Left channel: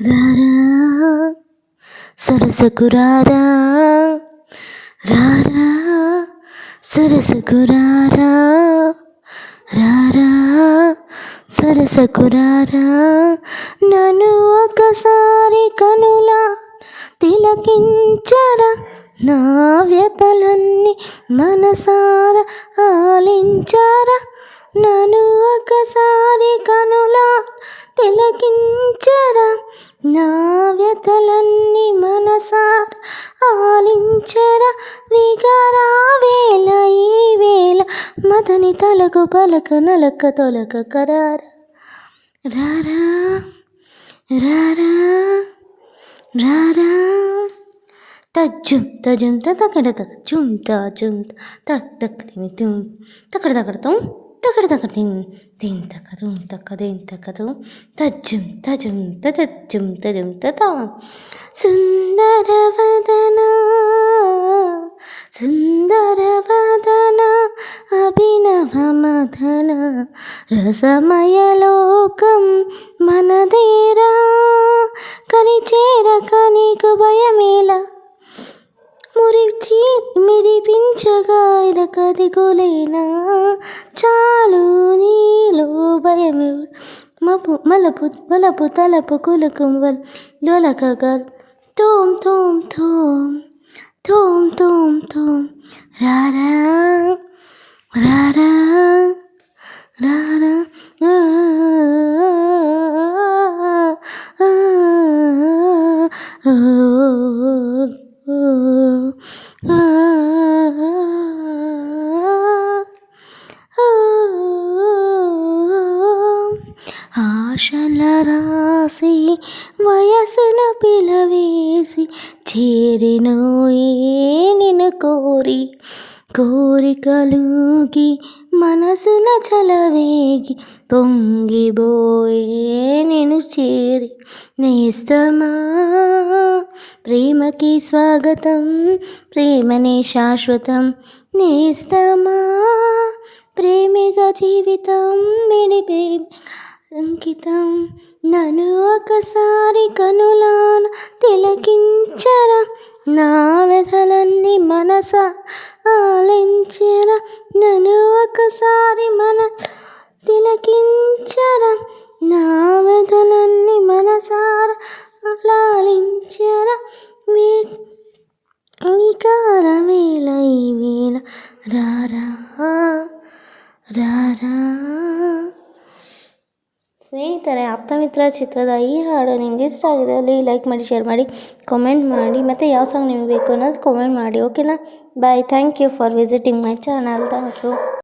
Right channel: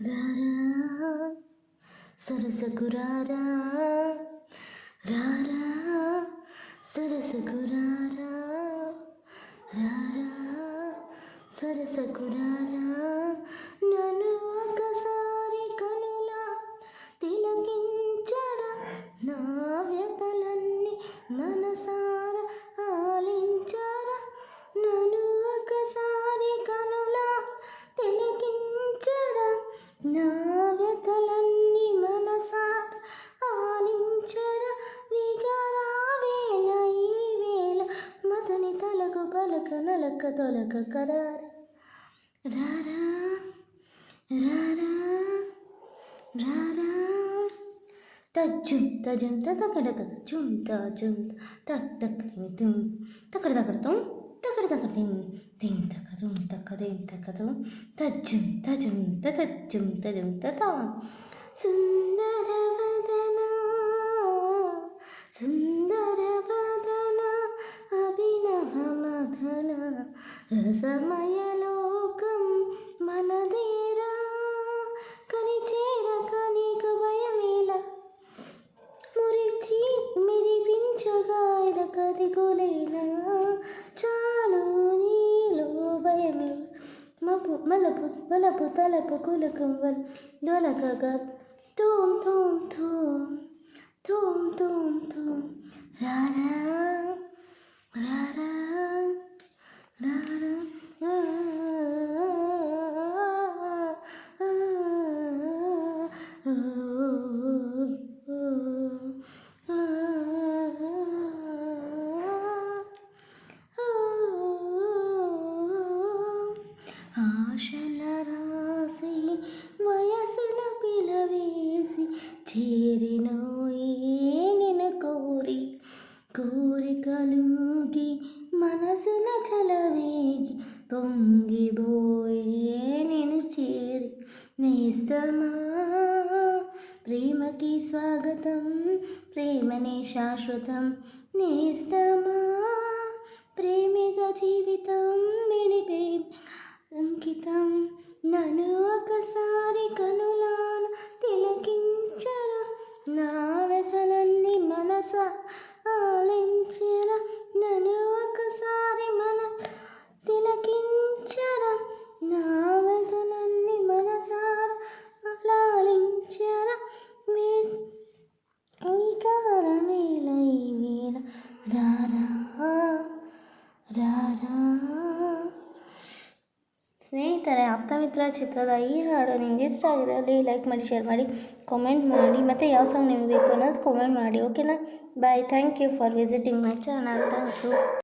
రారా సరసకు రారా, రారా సరసకు రారా, రారా సరసకు రారా, నన్ను ఒకసారి కనులా తిలకించరా, నా వ్యతలన్నీ మనసారా ఆలించరా, నన్ను ఒకసారి కనులా తిలకించరా, నా వ్యతలన్నీ మనసారా ఆలించరా, విగరా వేళ ఈ వేళ మదని తలకు పలక నలక తొలక కరారా, రారా రారా రారా, తజ్జుం తజుం తకడ తక జుం తాజుం తక్ తక్ తిమి తుం తకడ తకడ తుం తకడ తకడ తిం తిం తక తుం తక దేం తక తుం తజ్జుం తజుం తజుం తజుం తతా, సుందరవదన సుందరవదన అభినవ మదన రసమయ లోకం మనదేరా, కనిచేరక నీకు భయమేలా, మిరిపించగా కదిగోలేనా, చాలు నీలో భయమే మలపు మలపు తలపు కులకం లొలకగా తోం తోం తోం తోం తోం తోం, రారా రారా రారా ఆశల రాసి వయసును పిలవేసి చేరినోయే నిన్ను కోరి, కోరికలుగి మనసున చలవేగి పొంగిబోయే నిన్ను చేరి, నేస్తమా ప్రేమకి స్వాగతం ప్రేమనే శాశ్వతం, నేస్తమా ప్రేమిగా జీవితం విడిపే అంకితం, నన్ను ఒకసారి కనులాన తిలకించరా, నా వ్యధలన్నీ మనస ఆలించరా, నన్ను ఒకసారి తిలకించరా, నా వ్యధలన్నీ మనసారా లాలించరా, వికార వేళ ఈ వేళ రారా ರಾರಾ. ಸ್ನೇಹಿತರೆ, ಆಪ್ತಮಿತ್ರ ಚಿತ್ರದ ಈ ಹಾಡು ನಿಮಗೆ ಇಷ್ಟ ಆಗಿದ್ದಲ್ಲಿ ಲೈಕ್ ಮಾಡಿ, ಶೇರ್ ಮಾಡಿ, ಕಾಮೆಂಟ್ ಮಾಡಿ, ಮತ್ತು ಯಾವ ಸಾಂಗ್ ನಿಮಗೆ ಬೇಕು ಅನ್ನೋದು ಕಾಮೆಂಟ್ ಮಾಡಿ. ಓಕೆನಾ? Bye. Thank you for visiting my channel. Thank you.